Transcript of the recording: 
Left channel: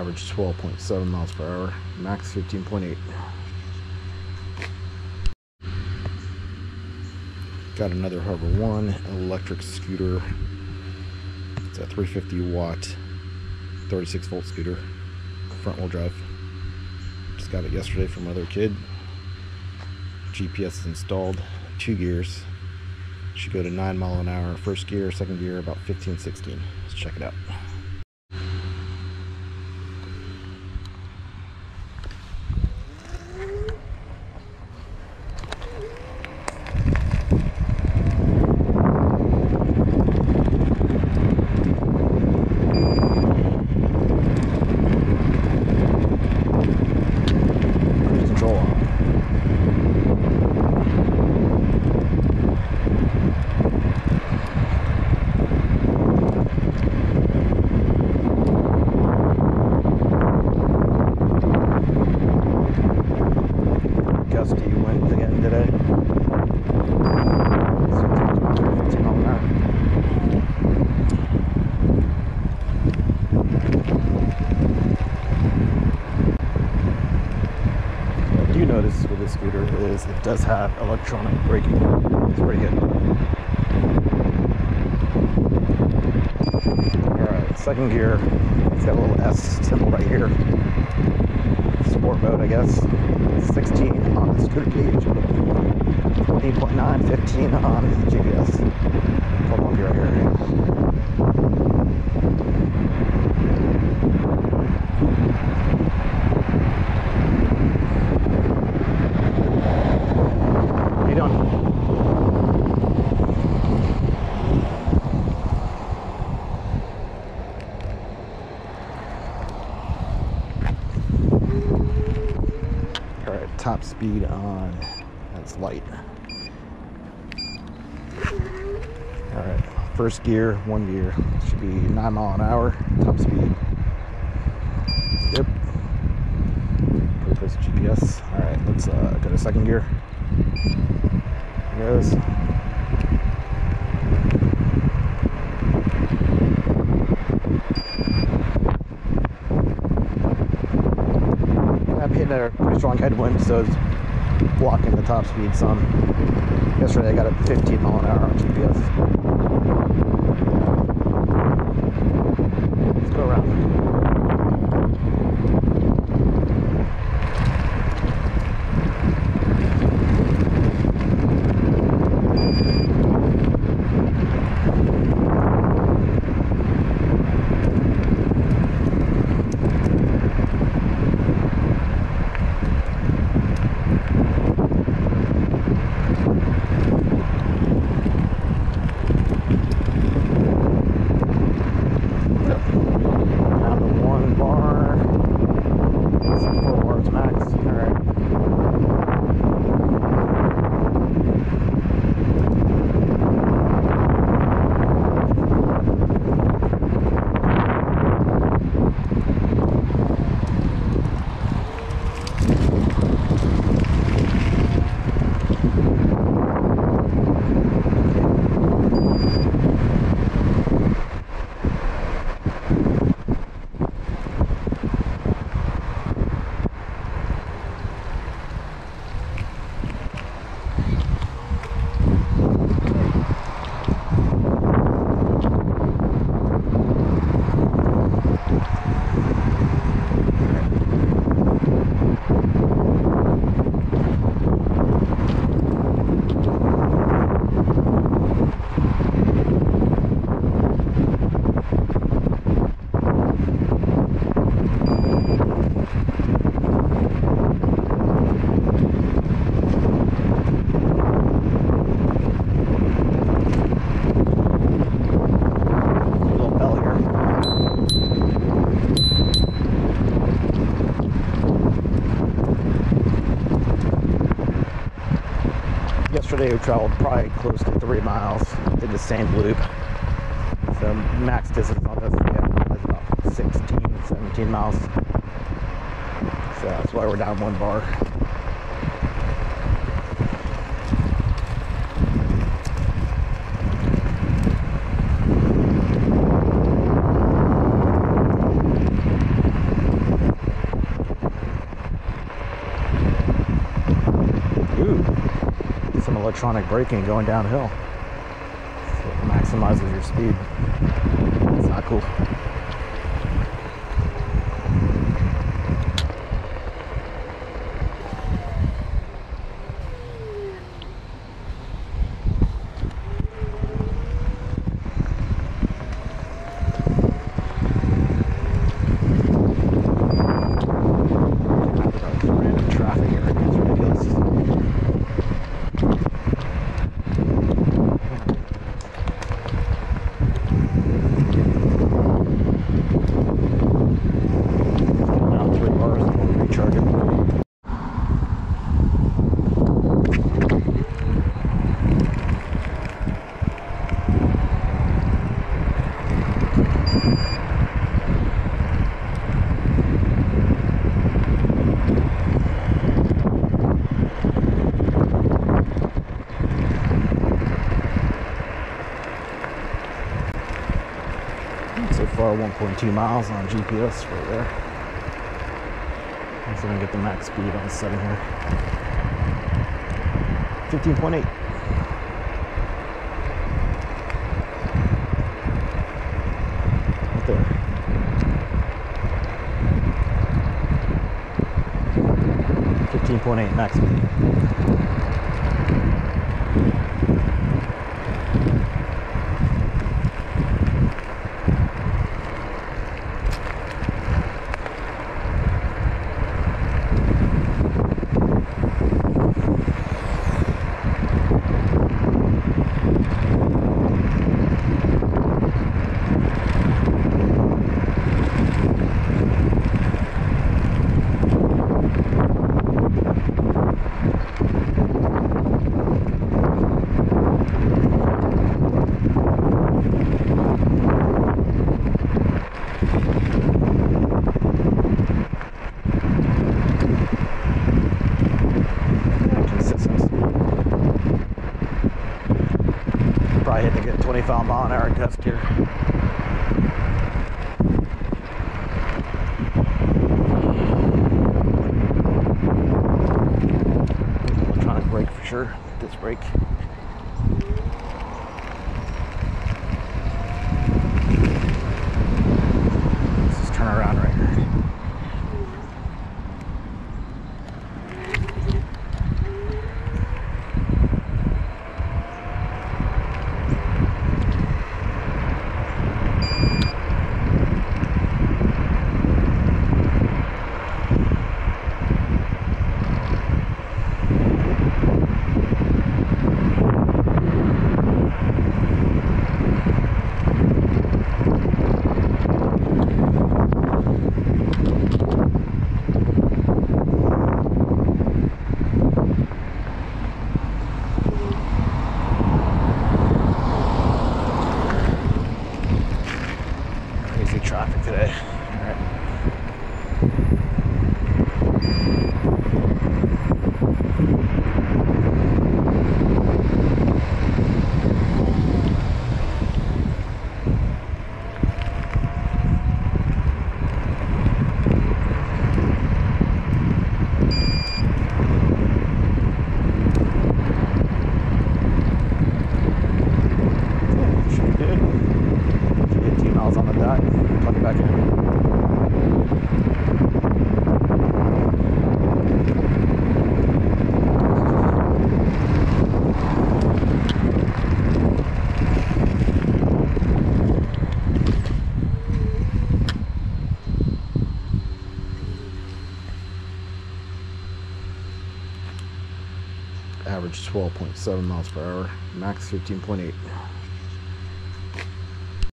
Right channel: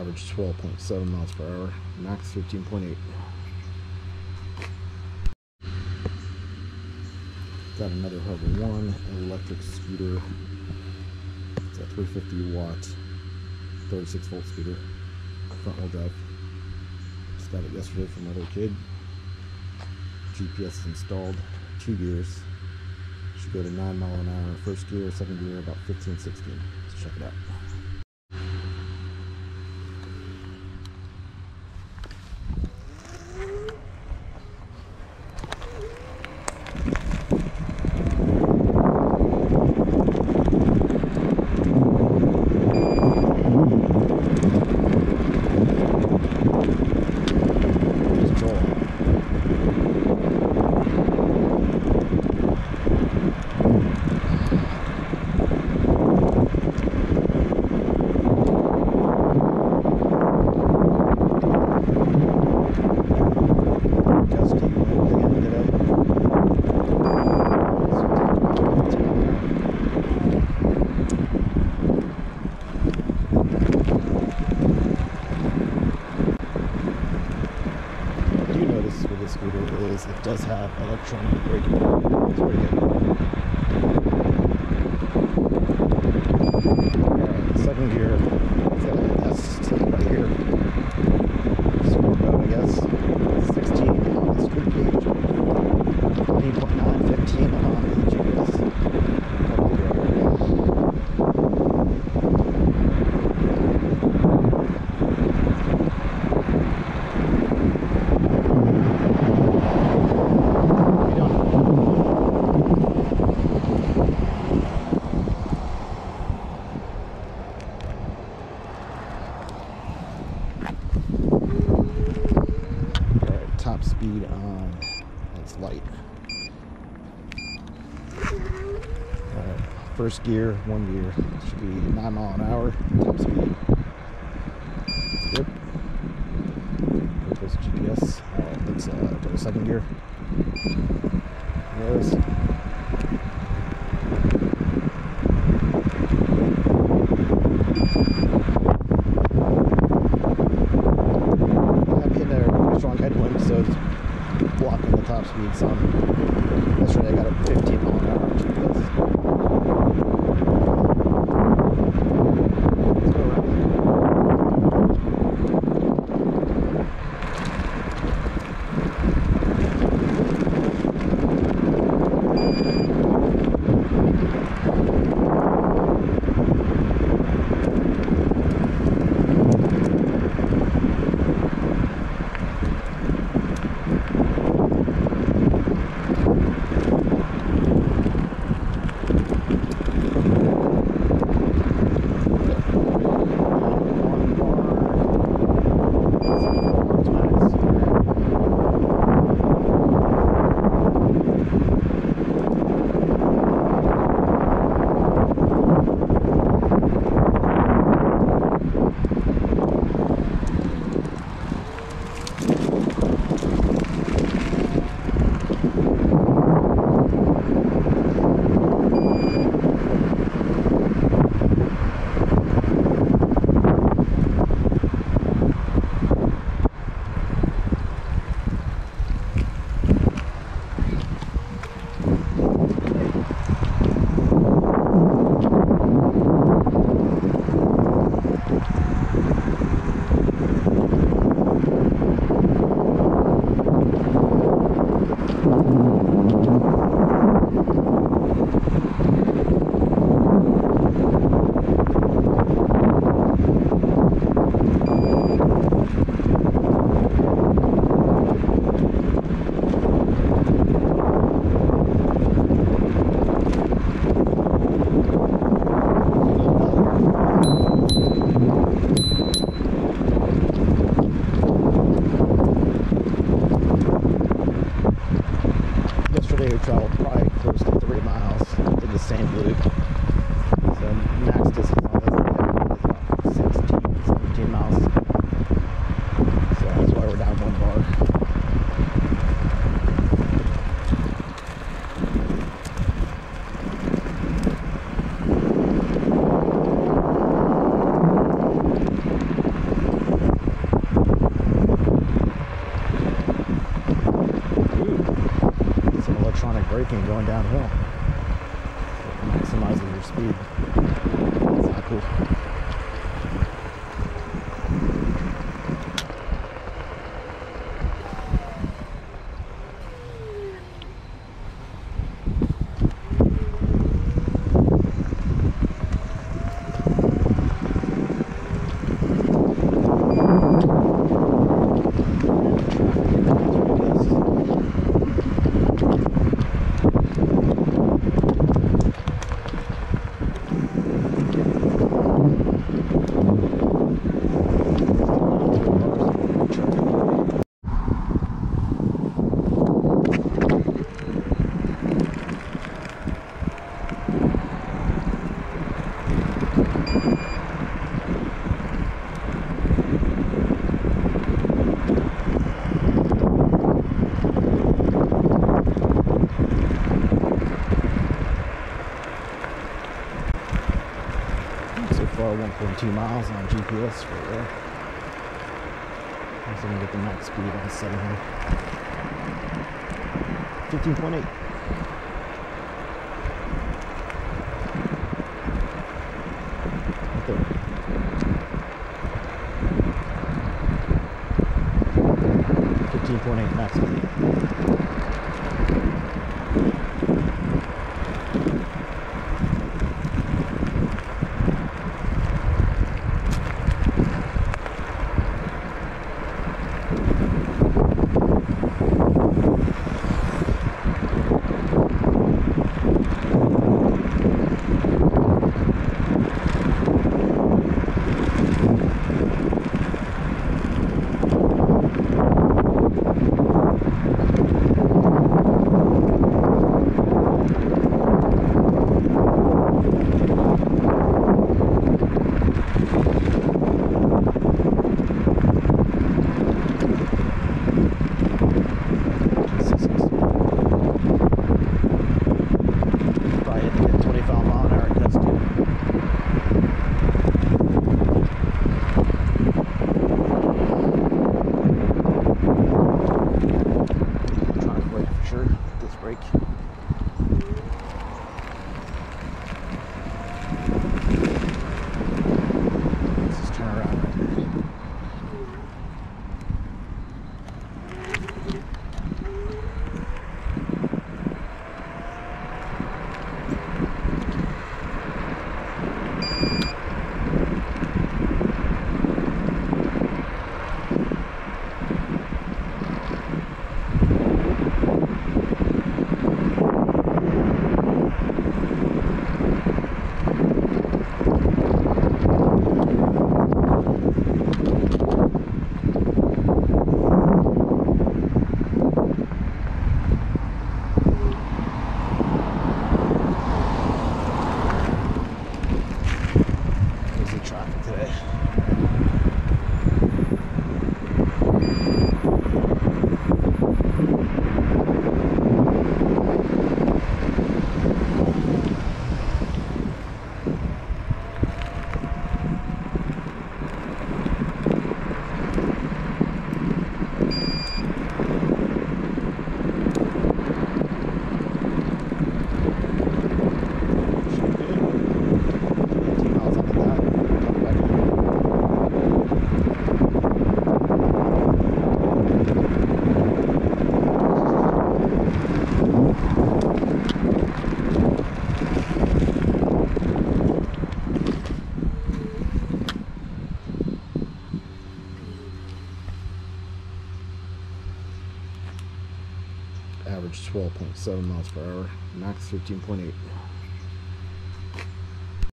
average 12.7 miles per hour, max 15.8. Got another Hover-1 electric scooter. It's a 350 watt, 36 volt scooter, front wheel drive. Just got it yesterday from another kid. GPS is installed, 2 gears. Should go to 9 miles an hour first gear, second gear about 15, 16. Let's check it out. Control on. Gusty wind again today. What I do notice with this scooter is it does have electronic braking. It's pretty good. Alright, second gear. It's got a little S symbol right here. Sport mode, I guess. 16 on the scooter gauge, 14.9, 15 on the GPS. Hold on right here. How you doing? Top speed on, that's light. Alright, first gear, 1 gear, should be 9 miles an hour, top speed. Yep. Pretty close to GPS. Alright, let's go to second gear. There it goes. I'm hitting a pretty strong headwind, so it's blocking the top speed some. Yesterday I got it 15 miles an hour on GPS. Let's go around. Yesterday we traveled probably close to 3 miles, did the same loop. So max distance on this was about 16, 17 miles. So that's why we're down 1 bar. electronic braking going downhill. It maximizes your speed. It's not cool. So far 1.2 miles on GPS right there. I'm going to get the max speed on the setting here. 15.8. Right there. 15.8 max speed. Probably had to get 25 mile an hour gust here. Electronic brake for sure. This brake. Let's just turn around right here. Traffic today. Should be good. 18 miles on the dot. Coming back in. Average 12.7 miles per hour, max 15.8.